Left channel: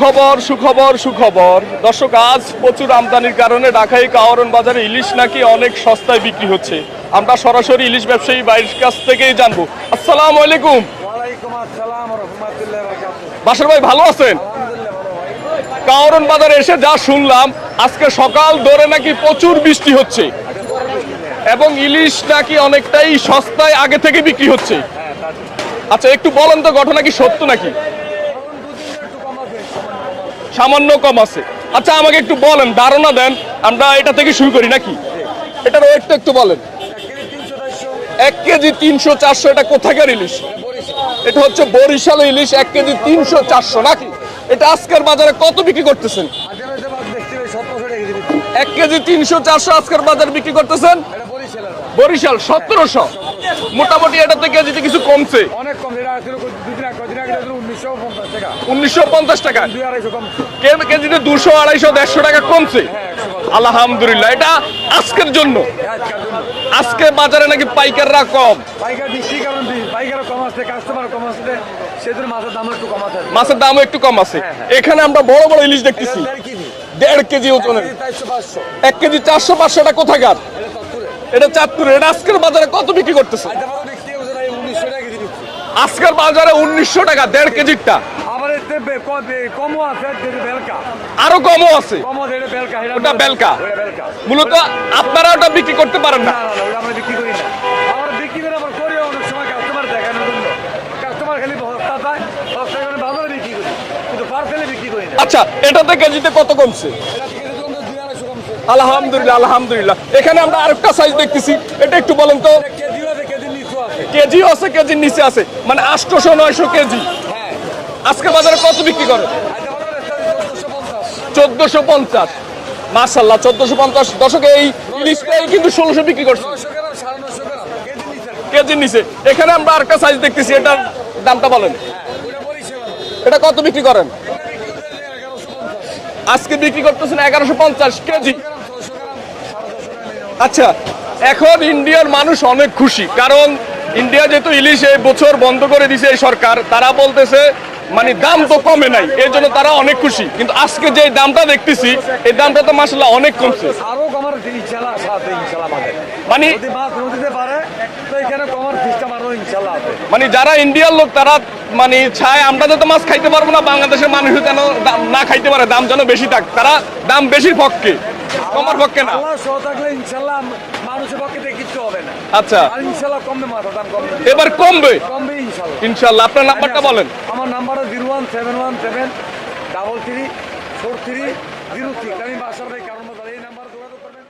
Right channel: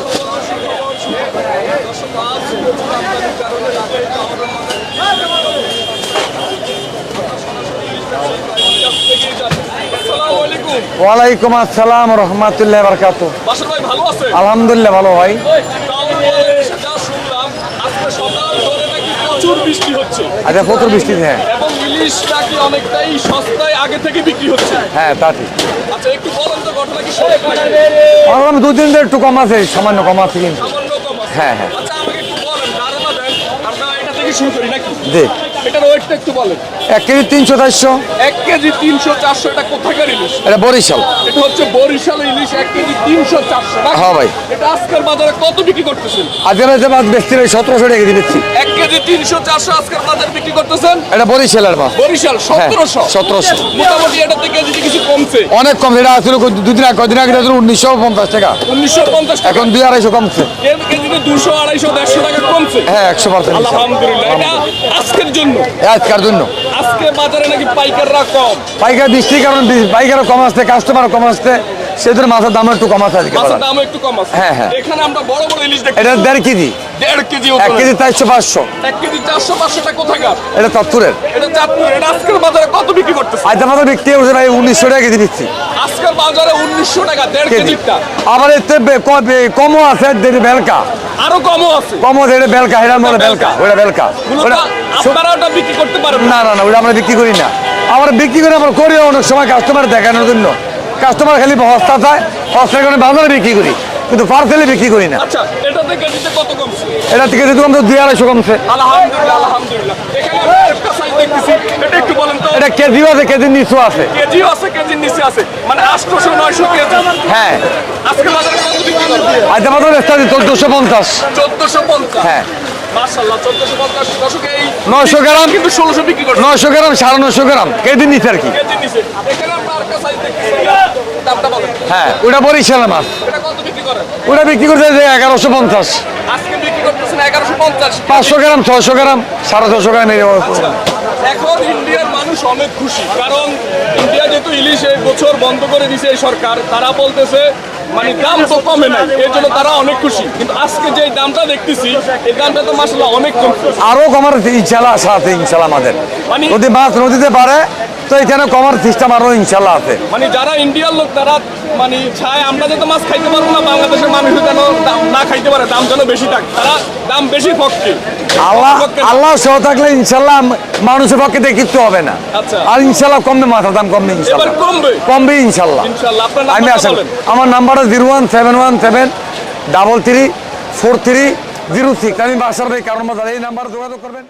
সুখবর সুখবর সুখবর। দর্শক আজ প্রচুর আমদানির কারণে ঢাকায় কাওয়ারন বাজারে ইলিশ নাকি অনেক সস্তায় বিক্রি হচ্ছে। আমরা সরাসরি ইলিশ ব্যবসায়ী বাইরের কাছ থেকেই জানব। আসসালামু আলাইকুম। ওয়ালাইকুম আসসালাম রহমতুল্লাহ বারকাত বাসর ভাই ভালো আছেন? আলহামদুলিল্লাহ ভালো ভাই। কাওয়ারন বাজারে এসে যা শুনলাম আজকে সকাল ধরে নাকি প্রচুর বৃষ্টি হচ্ছে। আচ্ছা প্রচুর বৃষ্টি হ্যাঁ। এবং ইলিশ নাকি অনেকটাই সস্তায় আগে থেকে বিক্রি হচ্ছে। হ্যাঁ তা ঠিক। আচ্ছা একটু বলেন তো ঘটনা কি সত্য নাকি? ভাবলাম দু তিন একটু কম আছে সামান্য কম আছে সামান্য কম আছে। হ্যাঁ, হ্যাঁ। আচ্ছা আমাকে একটু বলেন ধারণা দেন আমরা এটা থেকে শুরু করি নাকি? জি। এটার ওয়েটটা একটু বলেন। এক কেজি তিনশো চারশো। এক কেজি তিনশো চারশো এটা কোথাকার ইলিশ? এটা বরিশাল। এটা হচ্ছে বরিশাল ইলিশ এক কেজি তিনশো চারশো না হ্যাঁ ভাই। এটা আজকের বাজারে কত বিক্রি করতেছেন? আজকে রয়েছে মাছ বেচতে ভাই সতেরোশো টাকা কেজি দিচ্ছি এক কেজি তিনশো চারশো আজকের বাজারে বিক্রি করতেছেন? এটা বরিশালের মাছ। বরিশাল হ্যাঁ সতেরোশো সতেরোশো। মোটামুটি এটাতে কেজিতে কিছু কমছে। অনেক কম সেটা আসলে দুদিন আগে কদিন আগে আসলে উনিশশো পঞ্চাশ টাকা। উনিশশো পঞ্চাশ টাকা। এখন দুই আড়াইশো কমছে। কেজিতে দুশো আড়াইশো দেড়শো টাকা কমছে। হ্যাঁ একশো পার্সেন্ট। আলহামদুলিল্লাহ এটা আজকের জন্য। আজকের জন্য। আজকে বাজারে নাকি পাইকাররা কম। পাইকার বৃষ্টির কারণে পাইকারও কম আসছে কাস্টমারও কম আসছে। সেজন্য মাছের দাম একটু কম আছে আজকে। মাছের দাম একটু কম আছে। হ্যাঁ, হ্যাঁ। এখানে আমরা বড় বড় ইলিশ দেখি এটা দেড় কেজি। দেড় কেজি এক কেজি চারশো পাঁচশো। এক কেজি চারশো পাঁচশো টাকা কোথাকার? এটা তত্তুরের এটা চাঁদপুর এটা আজকের বাজারে কত বিক্রি করতেছে? আজ আমাদের বিক্রি হচ্ছে ভাই উনিশশো টাকা কেজি দিচ্ছি আজকের বাজারে উনিশশো টাকা দেড় কেজি। কেজিটা আবার এতে কমও আছে বেলকা। আরও কমও আছে। কমও বেলকা হেরার মধ্যে বেলকা। ওটা বেলকা। মূলত আপনারা ওটা বিক্রি করতে পারেন না। না না ওটা আমরা বিক্রি করি না। আমরা বিক্রি করি আমরা করি অনেক সময় কাস্টমার দেখানোর জন্য। কাস্টমার খালি হস্তা চায় হস্তার কারণে বাজারে বিক্রি করি কিন্তু পার্সেলে বিক্রি করি না। আচ্ছা এটাতে কেজিতে কত কমছে? এটা থেকে যদি কমছে দুই আড়াইশো কমছে। আলহামদুলিল্লাহ আলহামদুলিল্লাহ। এখানে আমরা আরেকটা সাইজ দেখতেছি এটা একটু বলেন তো। এটা কেজিও আছে কেজির নিচু আছে। কেজিও আছে কেজির নিচে আছে। মানে আটশোশো নয়শো কেজি। হ্যাঁ। আজকে বাজারে কত বিক্রি করবে আজ আমাদের চোদ্দশো পঞ্চাশ। চোদ্দশো পঞ্চাশ। হ্যাঁ। দশকে এই 900 গ্রাম। কিন্তু বিক্রি করছে। গ্রাম সাড়ে নশো গ্রাম কেজির নিচে আর কি। কেজির নিচে। এখানে আমরা আরেকটা সাইজ দেখতেছি এটা দামটা বলেন। হ্যাঁ ওটা মাছ এটা কত বিক্রি করেন? ওটা বিক্রি করতে যে এগারোশো পঞ্চাশ। আজকে বিক্রি করতেছেন এগারোশো পঞ্চাশ পাঁচশো গ্রাম ছয়শো গ্রাম এই আচ্ছা এখন ইন্ডিয়ার মানুষ অনেক খুশি কারণ ইন্ডিয়া যেহেতু ইলিশ এই বছর বন্ধ করে দিছে এই সরকার তারা বলতেছে মানে দাম তো কমে নাই এর জন্য তারা অনেক খুশি। কিন্তু আজকে যে দামটা দেখতেছি এই দামটা তো মাসাল্লাহ অনেক কম। আরও কমার ইনশাল্লাহ আশা আছে ইনশাল্লাহ আমাদের। মানে- যদি মাছ নদীতে পারে তো এখানে কমার সিস্টেম আরও ইনশাল্লাহ আছে। মানে যারা ইন্ডিয়ার লোক তারা মানে চায় আমরা তো মাছ খাইতে পারব না বাংলাদেশের মানুষ যেন না খাইতে পারে দাম যেন বেশি থাক তারা দাম বেশি পক্ষে। আল্লাহ আল্লাহ সহ থাকলে ইনশাল্লাহ মানুষের পক্ষে দেখতে হবে না। আচ্ছা। আর ইনশাল্লাহ কমবে মাথার দাম কমবে এবার কমবে? কমবে ইনশাল্লাহ ইনশাল্লাহ আপনার আমি আসলে আমার number zero one seven one seven double three four three zero six. আমি বাসার ভাই কারণ এই নাম্বারে যোগাযোগ করবেন।